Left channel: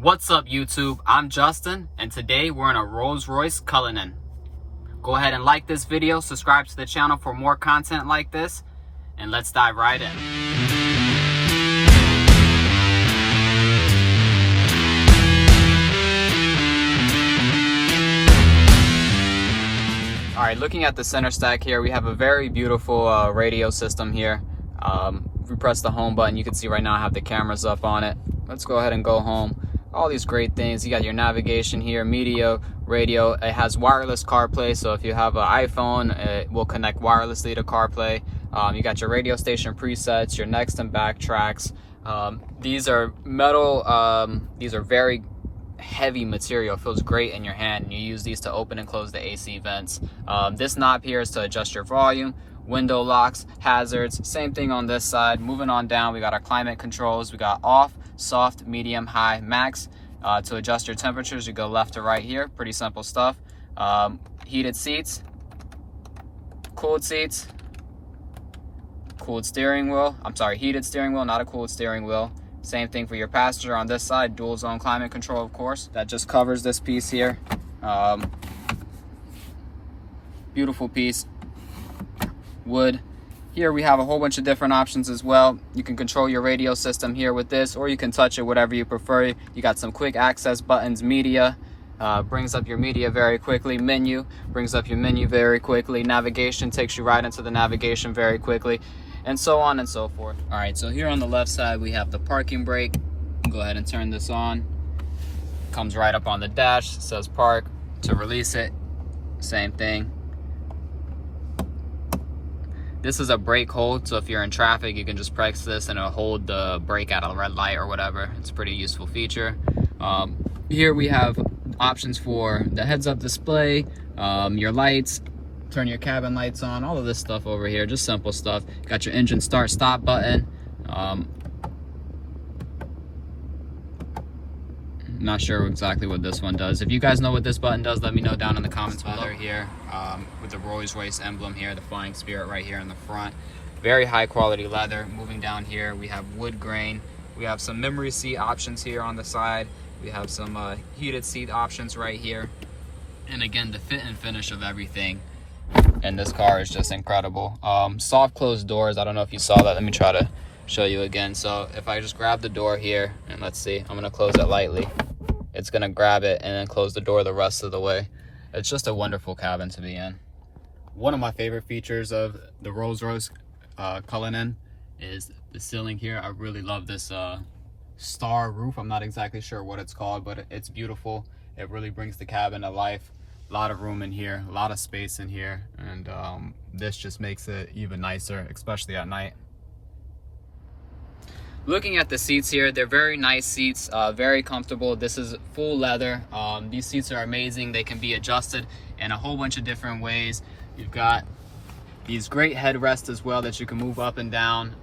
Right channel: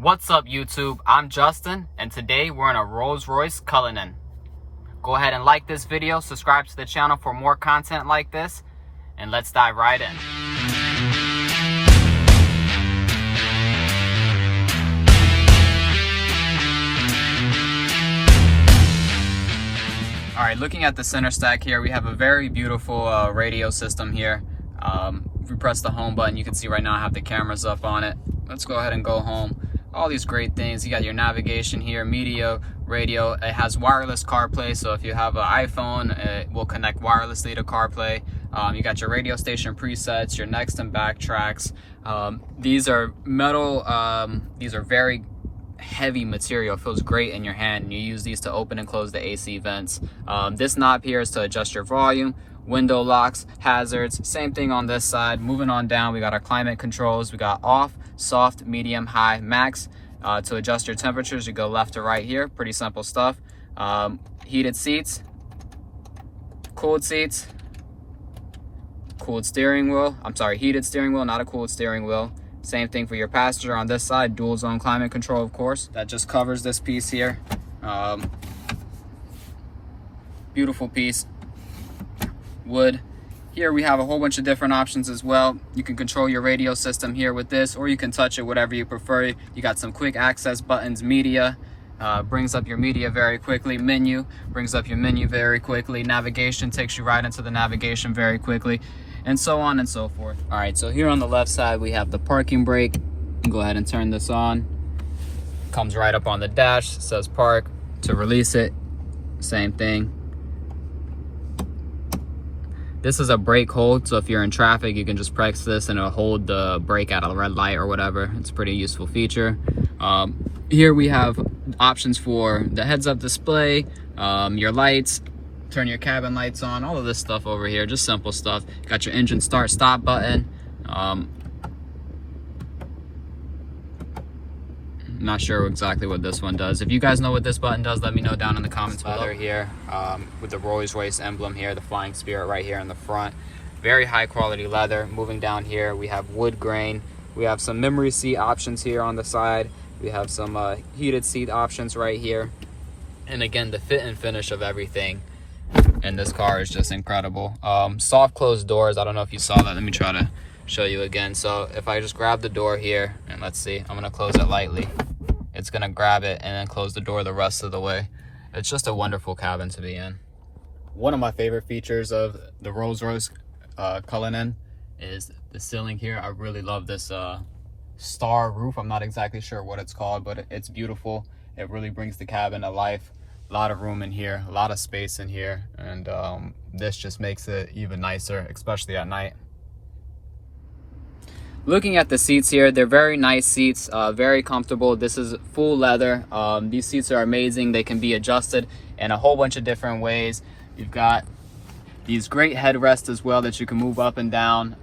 What's up YouTube? I'm Justin and today we're in a Royce Cullinan. Go ahead and like this video, subscribe to the channel for more content like this, and let's dive right in. Alright, looking at the center stack here, we have a very beautiful radio system here. If we press the home button, you can see right now I have the cameras up on it. Let's go ahead and go home. All these great things. You got your navigation here, media, radio. It has wireless CarPlay, so if you have an iPhone, it will connect wirelessly to CarPlay. You got your radio station presets, your next and back tracks. These are metal, these are very heavy material. It feels great in your hand, and you use these to open and close the AC vents. This knob here is to adjust your volume, window locks, hazards. Same thing on this side. Moving on down, we got our climate controls. We got off, soft, medium, high, max. To adjust your temperatures, you go left to right here. Pretty simple stuff. Heated seats, cooled steering wheel. I'm sorry, heated steering wheel, not a cooled steering wheel. Same thing for your passenger on this side. Dual zone climate control, of course. That just covers this piece here. Beautiful piece. Wood. Here we have a whole bunch of different options as well. You can control your radio system here with this, or you can touch it, whatever you prefer. You got some quick access buttons. Media brings up your media very quickly. Menu brings up your menu very quickly. Navigation takes you right into the navigation very quickly, and so on and so forth. All right, so here on the left side we have the parking brake. Go ahead and turn this on. Comes right up on the dash. It says park. To release it, same thing. This is a brake hold, so if you're in traffic, you can just press this and it'll hold the brake at a red light or whatever. It's a pretty useful feature. Here we have options for the heads-up display, your lights, turn your cabin lights on, all of this stuff over here, just simple stuff. Got your engine start-stop button. Not sure exactly what this one does. If you guys know what this button does, let me know down in the comments below. Here with the Rolls-Royce emblem here, the flying spirit right here in the front. Very high quality leather. Moving down here, we have wood grain. We have some memory seat options here on the side. We have some heated seat options right here. And again, the fit and finish of everything in this car is just incredible. Soft closed doors. I don't know if you saw that. Let me try to show you again. So if I just grab the door here, and let's see, I'm gonna close it lightly. It's gonna grab it and then close the door the rest of the way. It's just a wonderful cabin to be in. One of my favorite features of the Rolls-Royce Cullinan is the ceiling here. I really love this star roof. I'm not exactly sure what it's called, but it's beautiful. It really brings the cabin to life. A lot of room in here, a lot of space in here, and this just makes it even nicer, especially at night. Looking at the seats here, they're very nice seats, very comfortable. This is full leather. These seats are amazing. They can be adjusted in a whole bunch of different ways. You've got these great headrests as well that you can move up and down.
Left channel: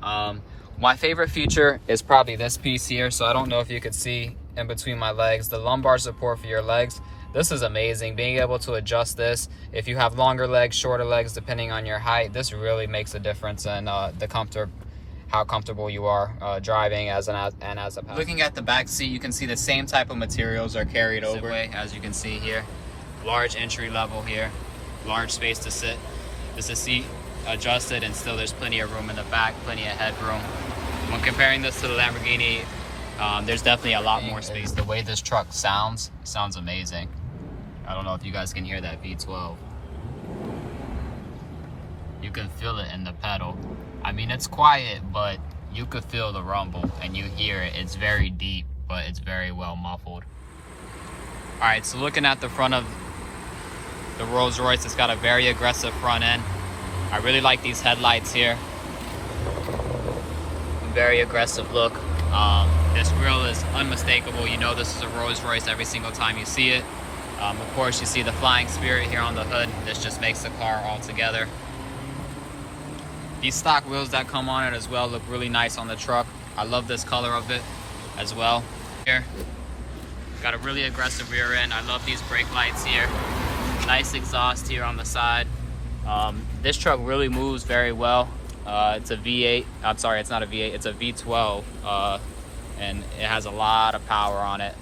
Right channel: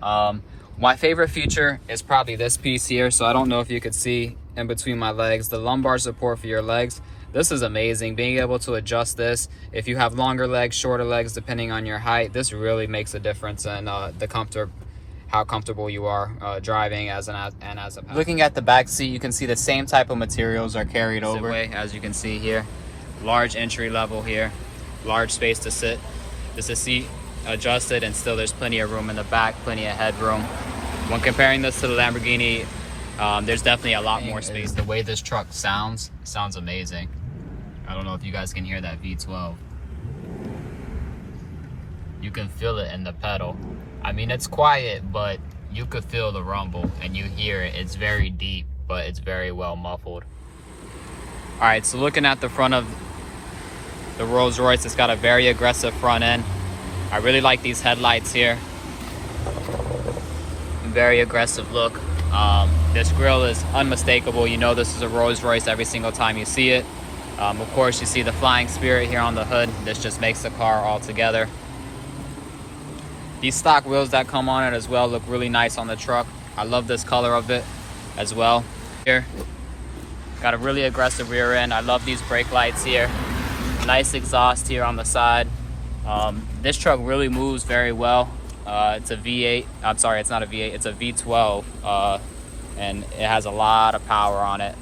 My favorite feature is probably this piece here. So I don't know if you could see in between my legs, the lumbar support for your legs. This is amazing. Being able to adjust this, if you have longer legs, shorter legs, depending on your height, this really makes a difference in the comfort, how comfortable you are driving as a passenger. Looking at the back seat, you can see the same type of materials are carried over. As you can see here, large entry level here, large space to sit. This is seat adjusted, and still there's plenty of room in the back, plenty of headroom. When comparing this to the Lamborghini, there's definitely a lot more space. The way this truck sounds amazing. I don't know if you guys can hear that V12. You can feel it in the pedal. I mean, it's quiet, but you could feel the rumble and you hear it. It's very deep, but it's very well muffled. All right, so looking at the front of the Rolls-Royce, it's got a very aggressive front end. I really like these headlights here. Very aggressive look. This grille is unmistakable. You know this is a Rolls-Royce every single time you see it. Of course, you see the flying spirit here on the hood. This just makes the car all together. These stock wheels that come on it as well look really nice on the truck. I love this color of it as well. Here, got a really aggressive rear end. I love these brake lights here. Nice exhaust here on the side. This truck really moves very well. It's a V8. I'm sorry, it's not a V8. It's a V12, and it has a lot of power on it.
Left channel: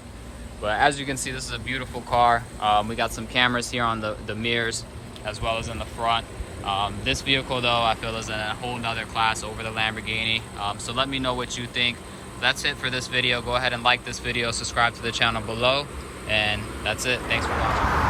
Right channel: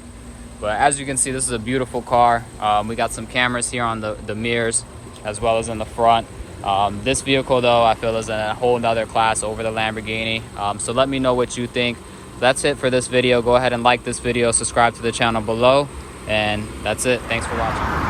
But as you can see, this is a beautiful car. We got some cameras here on the mirrors as well as in the front. This vehicle though, I feel is in a whole nother class over the Lamborghini. So let me know what you think. That's it for this video. Go ahead and like this video, subscribe to the channel below, and that's it. Thanks for watching.